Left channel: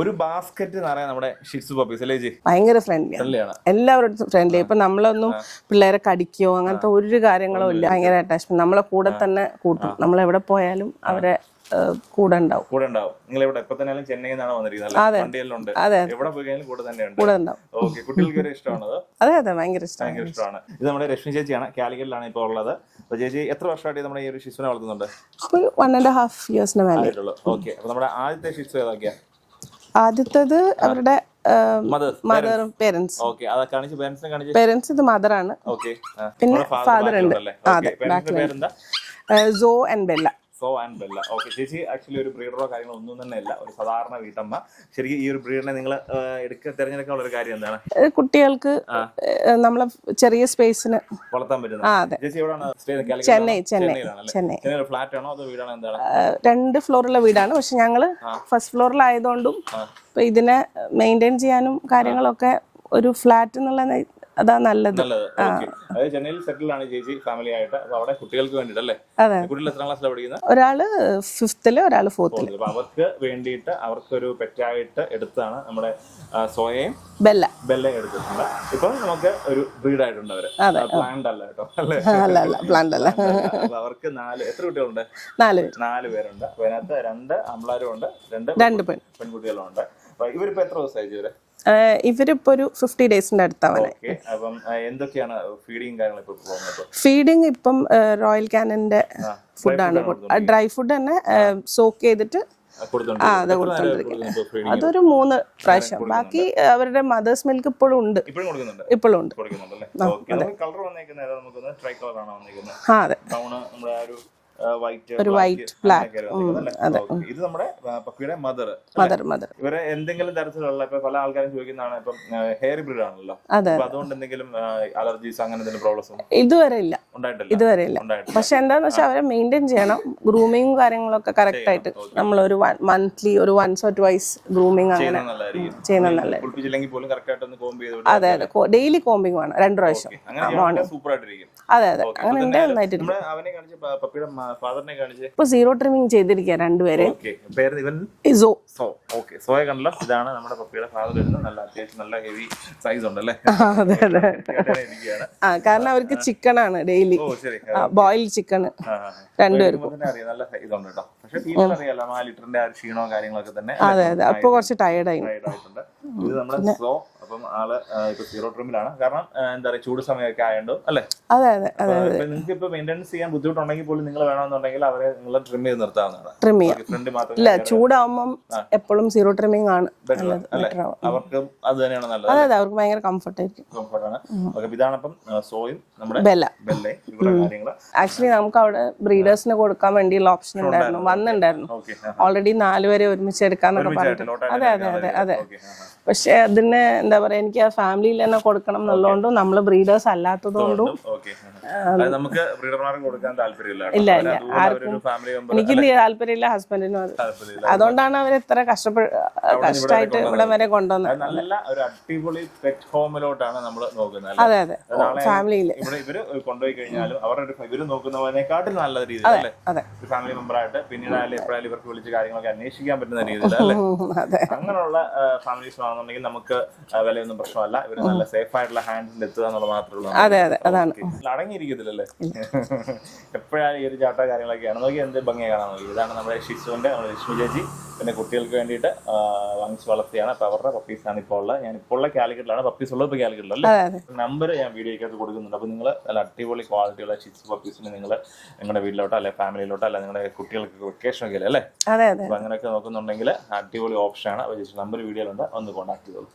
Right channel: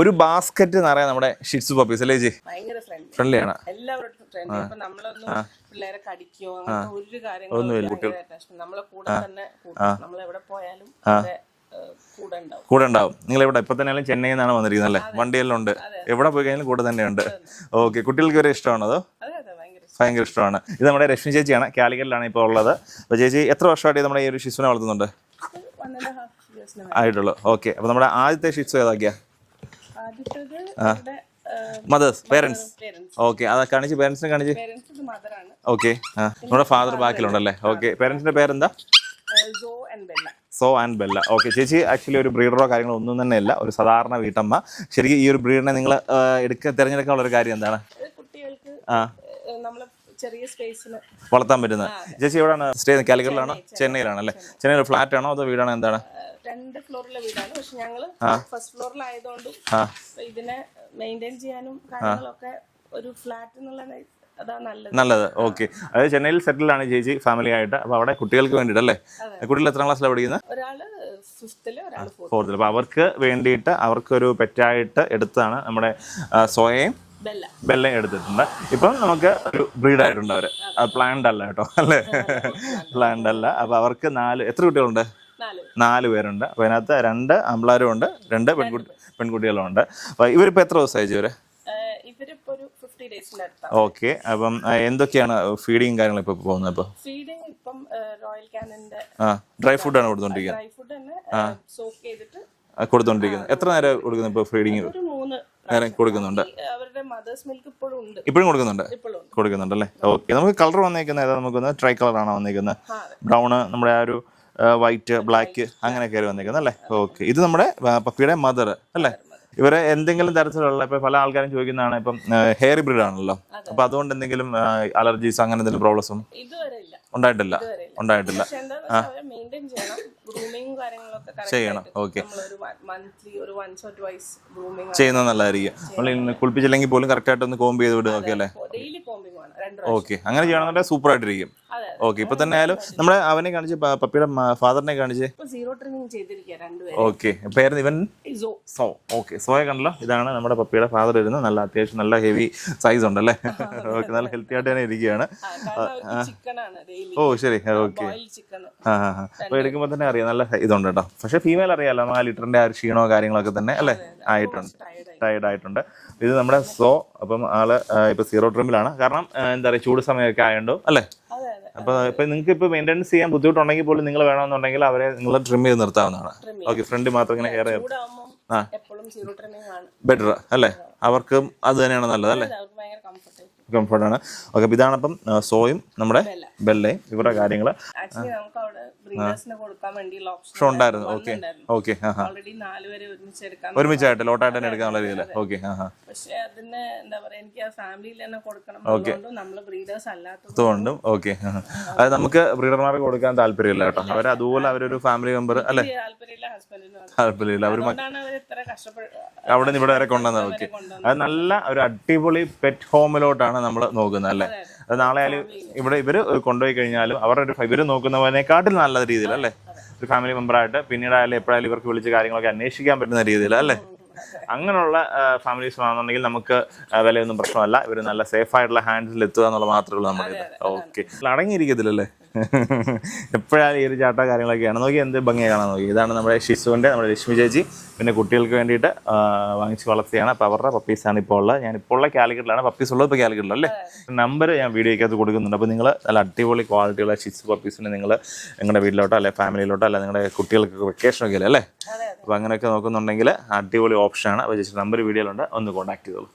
ഒരു ബാസ്ക്കറ്റ് നിറയെ നമ്മുടെ ഷിറ്റ്സു പപ്പീസ് അല്ലേ ചേച്ചി? ഭയങ്കര ഫ്രണ്ട്ലിയാണ്, എല്ലാവരും ഫ്രണ്ട്ലി. ഇപ്പൊ നമ്മളൊന്നും പിള്ളേരെ കടിക്കോ അങ്ങനത്തെ ഒരു കാര്യങ്ങളും ഇല്ല. ഭയങ്കര അറ്റാച്ച്മെന്റ്, നമ്മളെ കൂടെ തന്നെ കൂട്ടും. നമ്മൾ എവിടെ പോയാലും അവരെ കൂടെ ഉണ്ടാവും. നിങ്ങൾ എവിടെ ഇപ്പൊ തന്നെ ചെന്നൈയിൽ നിന്നാണ് വന്നിരിക്കുന്നത്? വണ്ടിയെല്ലാം ഉണ്ട്, എവിടെ പോയി കഴിഞ്ഞാലും കൂടെ തന്നെ ഉണ്ട്. ഓക്കെ, കുട്ടികൾക്ക് ഒരു ഇഷ്ടമാണോ അതോ? അതെ, ഭയങ്കര ഇഷ്ടമാണ്. ഇത് നമ്മുടെ രശ്മി ചേച്ചിയാണ്, കാലിക്കറ്റിലാണ് ഇപ്പോൾ ഉള്ളത്. അപ്പൊ ചേച്ചി എത്ര വർഷമായിട്ട് നമ്മുടെ ഈ ഒരു ഷിറ്റ്സുനെ വളർത്തുന്നുണ്ട്? 1.5 years ആയിട്ടുള്ളൂ. ഓക്കെ, അപ്പൊ നമ്മുടെ ആദ്യത്തെ ഷിറ്റ്സു ഏതാക്കിയാ? ആദ്യത്തേത് അവരുടെ പേരൻസ്. ഓക്കെ, അത് കാണിച്ച് പേരൻസിനെ കാണിച്ച്. പേരൻസ് ഇത് മദറാണ്. ഓക്കെ, നമ്മുടെ ഫാദർ ബാക്കിലുണ്ടല്ലേ? ഓക്കെ, പേരൻസിന്റെ പേരെന്താ? So and Bella. ഓക്കെ, ചേച്ചി ആക്ച്വലി ഒരു ബ്രീഡറോ കാര്യങ്ങളോ ഒന്നും തന്നെ അല്ല, ഒരു സാധാരണ വീട്ടമ്മ. ശരിക്കും ഈ ഒരു ബ്രീഡിനെ നിങ്ങൾ തിരഞ്ഞെടുക്കാനുള്ള ഒരു കാര്യം എന്താണ്? കുട്ടികൾക്ക് നമ്മളെ ചെറിയ സ്പേസിന് വളർത്താൻ പറ്റുന്നത്. ചേച്ചി എവിടെയാണ് സ്റ്റേ? ചെന്നൈയിലാണല്ലേ? ചെന്നൈയിൽ ഫ്ലാറ്റ് ആണോ അതോ വീടാണോ, എന്താണ്? 2 ഫ്ലോറുള്ള വീടാണ്. പക്ഷെ ഞങ്ങള് ഫസ്റ്റ് ഫ്ലോറിലായതുകൊണ്ടും ഇതിനെ മെയിൻറ്റെയിൻ ചെയ്യാനും കാര്യങ്ങളൊക്കെ ഒരു ഫ്ലാറ്റ് എന്നുള്ള അതാ നല്ലത്. ഓക്കെ, അതായത് ചെന്നൈയിൽ സെറ്റിൽ ആണ് ചേച്ചി ഫാമിലി ആയിട്ട്. അപ്പൊ അവിടെ കുട്ടികൾക്ക് വേണ്ടിട്ടല്ലേ? കുട്ടികൾ എത്രാം ക്ലാസ്സിലാണ് പഠിക്കുന്നത്? ഒരാള് 5th, ഒരാള് 4th. അപ്പൊ അവർക്ക് വേണ്ടിയിട്ട് അവർക്കൊരു പെറ്റായിട്ട് എടുത്താണ് നമ്മുടെ സോയയും ബെല്ല എടുത്തിട്ടുണ്ട്. ഇപ്പൊ നമുക്ക് ഒരു ബ്രീഡ് ആയിട്ടുണ്ട് അവര്. പ്ലാൻഡ് അല്ല കേട്ടോ, അല്ലേ? പ്ലാൻഡ് അല്ല. അപ്പൊ അവർക്ക് എത്ര കുട്ടികളുണ്ട്? 4 പേരുണ്ട്. അപ്പൊ അതിനകത്ത് 2 ആമ്പിളാരും ഉണ്ട്, 2 പെൺകുട്ടികളും ഉണ്ട്. അപ്പൊ ഇവരിപ്പോ എത്ര ദിവസമായി ഇവര്? ഇവരിപ്പോ ഒരു 50 ഡേയ്സിന്റെ അടുത്താണ്. ഓക്കെ, അപ്പം എന്തൊക്കെയാണ് ഫീഡിങ് കാര്യങ്ങൾ ഇപ്പൊ പോകുന്നത്? ഫീഡിങ് ഇപ്പം റോയൽ കാനന്റെ ഡ്രൈ ഫുഡ് തന്നെ സോക്ക് ചെയ്തിട്ട് അതൊരു 3 പ്രാവശ്യം. ബാക്കി അവരുടെ മദേഴ്സ് മിൽക്ക് ഇപ്പോഴും കൊടുക്കുന്നുണ്ടല്ലേ? ഓക്കെ, നമുക്ക് കളർ വന്നേക്കുന്നത് നമുക്ക് ട്രൈ കളർ ആണോ വന്നേക്കുന്നത്? ബ്രൗൺ, നമ്മുടെ ആ ഒരു വൈറ്റ്, ബ്ലാക്ക് അങ്ങനെയൊക്കെ വന്നിരിക്കുന്നത് അല്ലേ? ഓക്കെ, ഇത് നമ്മുടെ പപ്പിയുടെ മദർ അല്ലേ? ഇവരെ എന്തെങ്കിലും തരത്തിലുള്ള ഇപ്പൊ പല ആൾക്കാരും ചോദിക്കുന്നതാണ്, ഇപ്പം ഹെയർ ബ്രീഡ് ആണല്ലോ, അപ്പൊ അതുകൊണ്ട് എന്തെങ്കിലും അലർജീസ് അങ്ങനെ എന്തെങ്കിലും പ്രോബ്ലംസും ഇതുവരെ ഇല്ല. ഉണ്ടായിട്ടില്ല. പക്ഷെ എന്താന്ന് വെച്ചാൽ അവരെ മെയിൻറ്റെയിൻ ചെയ്യണം, ഗ്രൂമിങ്ങും കാര്യങ്ങളൊക്കെ കറക്റ്റ് ആയിട്ട് നമ്മളൊരു മന്ത്ലി ഒരു once or twice ഗ്രൂമിങ് ചെയ്യുന്നത് നല്ലതായിരിക്കും. കുളിപ്പിച്ചില്ലെങ്കിൽ പോലും കറക്റ്റ് ആയിട്ട് ഒന്ന് കോംബ് ചെയ്ത് വിടുക. ഡെയിലി കോംബിംഗ് ആണ് 2 പ്രാവശ്യം. അങ്ങനെ ചെയ്യണമെങ്കിൽ സൂപ്പർ ആയിട്ടിരിക്കും. ഓക്കെ, ഇപ്പൊ തന്നെ നമ്മുടെ അവനെ കാണിച്ച് പപ്പിയുടെ ഫാദറിനെ കാണിച്ച് ഇപ്പൊ 0 ട്രിമിംഗ് ചെയ്തിരിക്കുക 2 പേരെ. ഓക്കെ, പേര് ഇവൻ ഓക്കെ, സോയെ കണ്ടല്ലോ. ഇതാണ് നമ്മുടെ പപ്പിയുടെ ഫാദർ ഇരുന്നത്. നല്ല അത്യാവശ്യം നല്ല ഹെവി സൈസ് ഉണ്ടല്ലേ? ഇരിക്കുകയാണ്. കാരണം അവർക്ക് ചിക്കൻ ആണ് ഡെയിലി. ഓ ശരി, ബോയിൽ ചിക്കൻ തന്നെ അറിയാം, നല്ല ഇതുണ്ട് കേട്ടോ. പക്ഷെ ഫീമെയിൽ അറിയാലോ, 4 ലിറ്ററിന്റെ ആ ഒരു ക്ഷീണോ കാര്യങ്ങളൊക്കെ തന്നെ കുറച്ച് ടയർഡ് ആയിട്ടുണ്ട്. ഇത് നമ്മുടെ സോ. അപ്പം ആള് ഇപ്പൊ 0 ട്രിമിലാണ്. കാരണം എന്താ പറയുക, ചൂട് സമയമൊക്കെ ആയതുകൊണ്ട് അല്ലേ? അപ്പൊ നിങ്ങൾക്ക് ഇപ്പൊ മെയിൻ്റെനൻസ് ചെയ്യാൻ ബുദ്ധിമുട്ടുണ്ടെങ്കിൽ പോലും നിങ്ങൾ വേണമെന്നുണ്ടെങ്കിൽ അവരെ നിങ്ങൾ ട്രിം ചെയ്ത് നിർത്താവുന്നതാണ്. ഫ്രണ്ട് മാത്രം ചൂടാവുമ്പം എപ്പോഴും 0 ട്രിമിംഗ് ആണ് ബെറ്റർ അല്ലേ? അവർക്കും അത് തന്നെയാണ് നല്ലത്. അവർക്ക് ഭയങ്കര കംഫർട്ടാണ്. ഓക്കെ, ഇതാണ് അപ്പം സോയും നമ്മുടെ ബെല്ലയും ഇവരുടെ കാര്യങ്ങള്. ആക്ച്വലി നമുക്ക് അവിടെ ബ്രീഡേഴ്സിന് കൊടുക്കാൻ വേണ്ടിയുള്ള ഓപ്ഷൻ വന്നിട്ടുണ്ടായിരുന്നു. ഓൾറെഡി 4 പേരെ ഒരുമിച്ച് എടുക്കാൻ. പക്ഷെ അതിന് എന്താ പറയാ, എനിക്ക് ആ ഫാമിലിയിൽ തന്നെ കൊടുക്കണം എന്നുള്ളതുകൊണ്ടും നമ്മള് ബ്രീഡേഴ്സ് അല്ലാത്തതുകൊണ്ടും നമുക്ക് ബ്രീഡർമാർക്ക് കൊടുക്കാൻ താല്പര്യമില്ല. എനിക്ക് താല്പര്യമില്ല, ഹസ്ബൻഡിനും അതുകൊണ്ടാണ് അവർ ഇത്ര കഷ്ടപ്പെട്ട് കൊണ്ടുവന്നത്. നല്ല ഒരു അടിപൊളി പെറ്റ് ഹോമിലോട്ടാണ് നമ്മൾ നോക്കുന്നത്. നാളെ ഇവിടെ ഇവര് കൊണ്ടുപോയി കഴിഞ്ഞാലും അവരുടെ ഇവര് നോക്കുന്നതിനെക്കാട്ടിൽ നല്ല രീതിയിൽ അല്ലേ, ഒരു ഫാമിലി മെമ്പർ ആയിട്ട് പിന്നീട് ആയാലും എപ്പോഴായാലും ഇവർക്ക് വിളിച്ച് കാര്യങ്ങളൊക്കെ അന്വേഷിക്കാൻ പറ്റുന്ന രീതിയിൽ അല്ലേ? അങ്ങനെയുള്ള ഫാമിലീസ് ആണെന്നുണ്ടെങ്കിൽ നമുക്ക് വിലയൊന്നും പ്രശ്നമല്ല. ഇവര് നല്ല സേഫ് ആയിട്ടുള്ള ഹാൻഡിൽ എത്തുക എന്നുള്ള മാത്രമേ ഉള്ളൂ. അടങ്ങിയിരിക്കത്തില്ലല്ലേ? എപ്പോഴായാലും ഈ ഒരു ചാട്ട കാര്യങ്ങളൊക്കെയാണ്. നോക്കി എന്ത് ഭംഗിയെ കാണാൻ നോക്കി. ഇതാണ് നമ്മുടെ ഷിസുവിന്റെ, നമ്മുടെ രശ്മി ചേച്ചി പിന്നെ കുട്ടികൾക്ക് വേണ്ടിയിട്ട് വാങ്ങിച്ച് വളർത്തിയാണ്. അപ്പൊ അവരുടെ പപ്പീസാണ് ഇപ്പോൾ ഉള്ളത്. ഞാൻ ഇപ്പോൾ ഉള്ള കാലിക്കറ്റിലാണ്. പപ്പീസ് ഉള്ളത് ഇപ്പോൾ കാലിക്കറ്റിലല്ലേ? നമ്പർ ഞാൻ വീഡിയോക്കകത്ത് കൊടുക്കുന്നുണ്ട്. അപ്പോൾ നിങ്ങൾ നല്ല അടിപൊളി ക്വാളിറ്റിയുള്ള ഷിസ് പപ്പീസിന് നിങ്ങൾ നിങ്ങളുടെ വീട്ടിലോട്ടോ അല്ലെ ഫാമിലിയിലോട്ടോ അല്ലെ നിങ്ങളുടെ കുട്ടികൾക്ക് വെക്കേഷനൊക്കെ അല്ലേ? അപ്പോൾ അങ്ങനെയൊക്കെ നോക്കുന്നുണ്ടെങ്കിൽ അടിപൊളി ഓപ്ഷനാണ്. അപ്പോൾ ജസ്റ്റ് നമ്പർ വീഡിയോയിലുണ്ട്, ഒന്ന് കോൺടാക്ട് ചെയ്തോളൂ.